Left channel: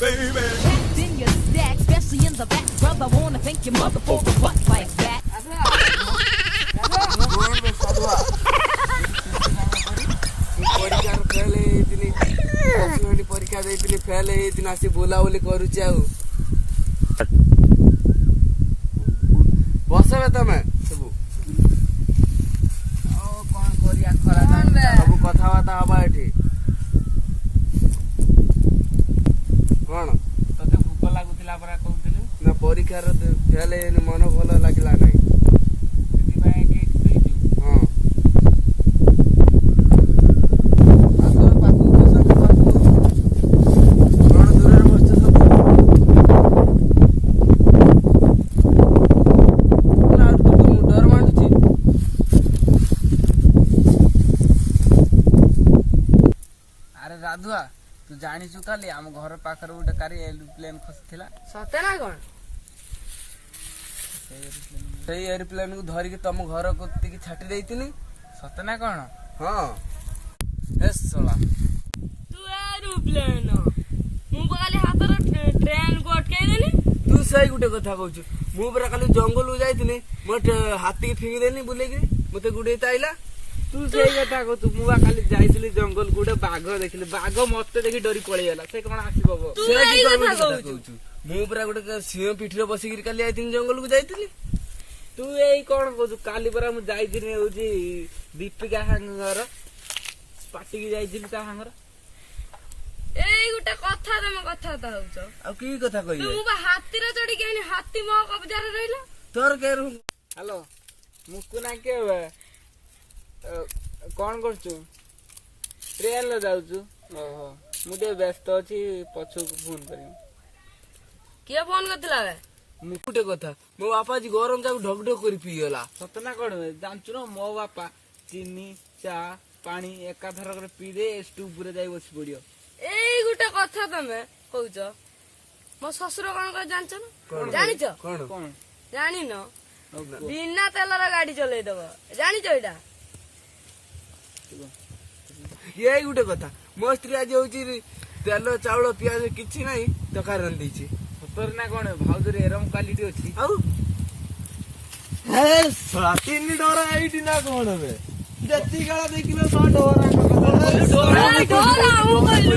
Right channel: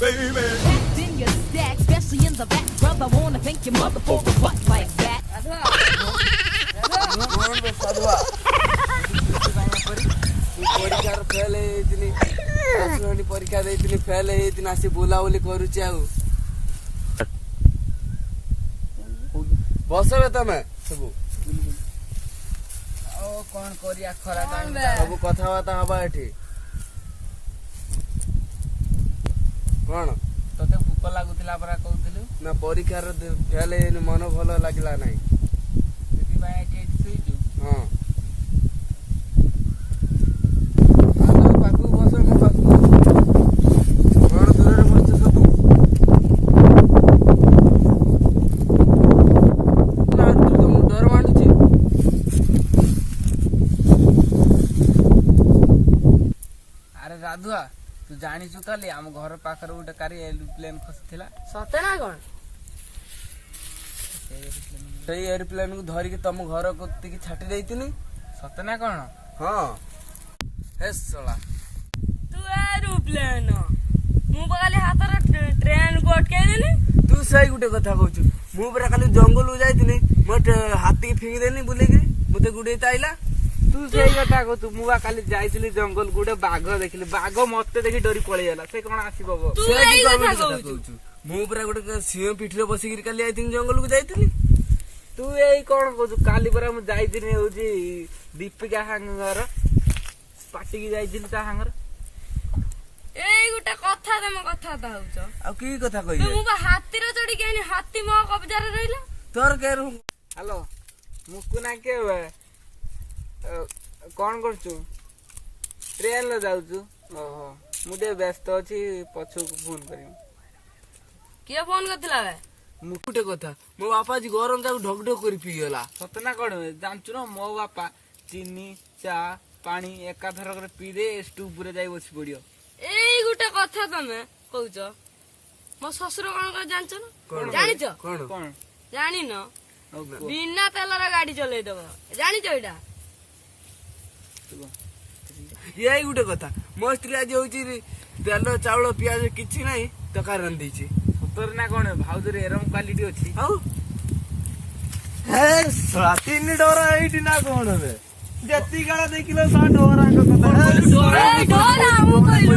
baby. Packed in your stack, especially in the back, brother. Wanna thank your mother for a butt like that. परीक्षा देती fail आसी बुलाबुली करुची आउ बस तमे सब कौन करिया खरा सब कथबार्ता हवा एठी कौन तते भूख लागुतिला परा कहउतिलु ना परीक्षा फेल मन भल लागला नहीं ସେଥିପାଇଁ ଏଠି ଶୋଇଛୁ हाँ पाखु बस कौन दूर बस सब डर मानुची अरे राधुआ तू जानिଛୁ କାଲି ଆମ ଘର ପାଖରେ ଗୋଟେ କାରି ଏରୋପ୍ଲେନ ଖସିଥିଲା ସତେ ନା କଣ? ସେଇ ଏରୋପ୍ଲେନ କୁ ଧରିକି ତମ ଘର କତିକି ଛାଟି ଦେଇଥିଲି ସତେ ନା କଣ ହଁ ହେ ଶଳା ତୁ ଏରୋପ୍ଲେନ ମୁଁ କାଲି ହାତରେ ଟ୍ରେନ କୁ ଅଟକେଇଦେଲି ତୁ ସେଇ ଗୋଟେ କଥା କହୁଛୁ ମୁଁ ପରା କାଲି ଜଙ୍ଗଲକୁ ଯାଇଥିଲି ମୋ ହାତୀକି ଫିଙ୍ଗିଦେଲି ବୁଲେଇକିରି ମତେ ଗୁଡେଇ ଆଇଲା ତୁ ସେଇ କଥା କହୁଛୁ ମୁଁ ବା କାଲି ଯାଇଥିଲି ଜଙ୍ଗଲକୁ ଗୋଟେ ବାଘ ଦେଖିଲି ବାଘ ମତେ ଦେଖି ଡରି ପଳେଇଗଲା ସେ କଣ ଆସିବ ତୁ ସେ କି ଏଇ କଥା କଥା କହୁଛୁ। କହୁଛୁ ମୁଁ ପରା ଗୋଟେ ସିଂହ ପିଠିରେ ବସିକିରି କାଲି ଯାଇଥିଲି ଜଙ୍ଗଲକୁ ଯାଇଥିଲି ତୁ ଏଇ କଣ କହୁଛୁ କାଲି ପରା ମୁଁ ଯାଇଥିଲି ହଉଛି ଦୀପିକା ସାଙ୍ଗର ପାଟିକି ଯାଇଥିଲି ତା ସାଙ୍ଗର ଏଇ ଗୋଟେ କଥା ତମେ କଥାବାର୍ତ୍ତା ହଉଛ ଆଉ କି କଥା କହିବେ ମୁଁ ବା ହାତୀରେ ଚଢିକି ଆଇନି ହାତୀ ମୋ କବଜାରେ ରହିଲା ତୋର କେ ହ୍ୟାଲୋ ମୁକୁନା କିଏ କଣ କରୁଛୁ ଟ୍ରେନରେ ଯାଉଛୁ ଓହୋ ମୁଁ ଟିକେ ବ୍ୟସ୍ତ ଅଛି ପଛକୁ ଫୋନ କରିବି କିଏ ଫୋନ କରିଥିଲା ବେ ମୁଁ ଗୋଟେ କଥା ମୋ ବାପା ଆଜି ଗରମ ଚାକୁ ଢକ ଢକ କରି ପିଇଗଲା ସତ ନା କଣ ବେ? ଜାଣିଛୁ ନା ମୋ ବାପା ଚିନି ଚା ପାଣି ଏକାଥରକରେ ପିଇଦେ ଷ୍ଟୁପରେ ଯାଇ ବସି ପଡିବ ଏଇ ଗୋଟେ କଥା ତମେ କହୁଛ ମୋ ଶ୍ୱଶୁର କଣ କରି ଜାଣିଛ ନା କଣ? ଜାଣିଛ କଣ କଣ ଜାଣିନ ଆଉ କୁହ। ବିନା ତେଲର ଗାଡି ଚଲେଇଦବ ଜାଣିଛ ଏଇଟା ଏଇ ଗୋଟେ କଥା ମୋ ସ୍ତ୍ରୀ ଆଜି ହଉଛି ତେଲ ଚାଉଳ ପିଆଜ କିଛି ନାହିଁ ତରକାରୀ ରାନ୍ଧିଛି ସତରେ ନା କଣ ଭାଉଜରେ ଏରମ କ୍ୱାଲିଟି ଅଛି ଆଉ ତିନି ଡୋରା ଏଇଠି ନା କଣ ବେ ଯେତିକି କାଳ ଦେଖିଲ ତା ଡୋରାଙ୍କ କଥା ଡୋରା ମୁଁ କହିଲି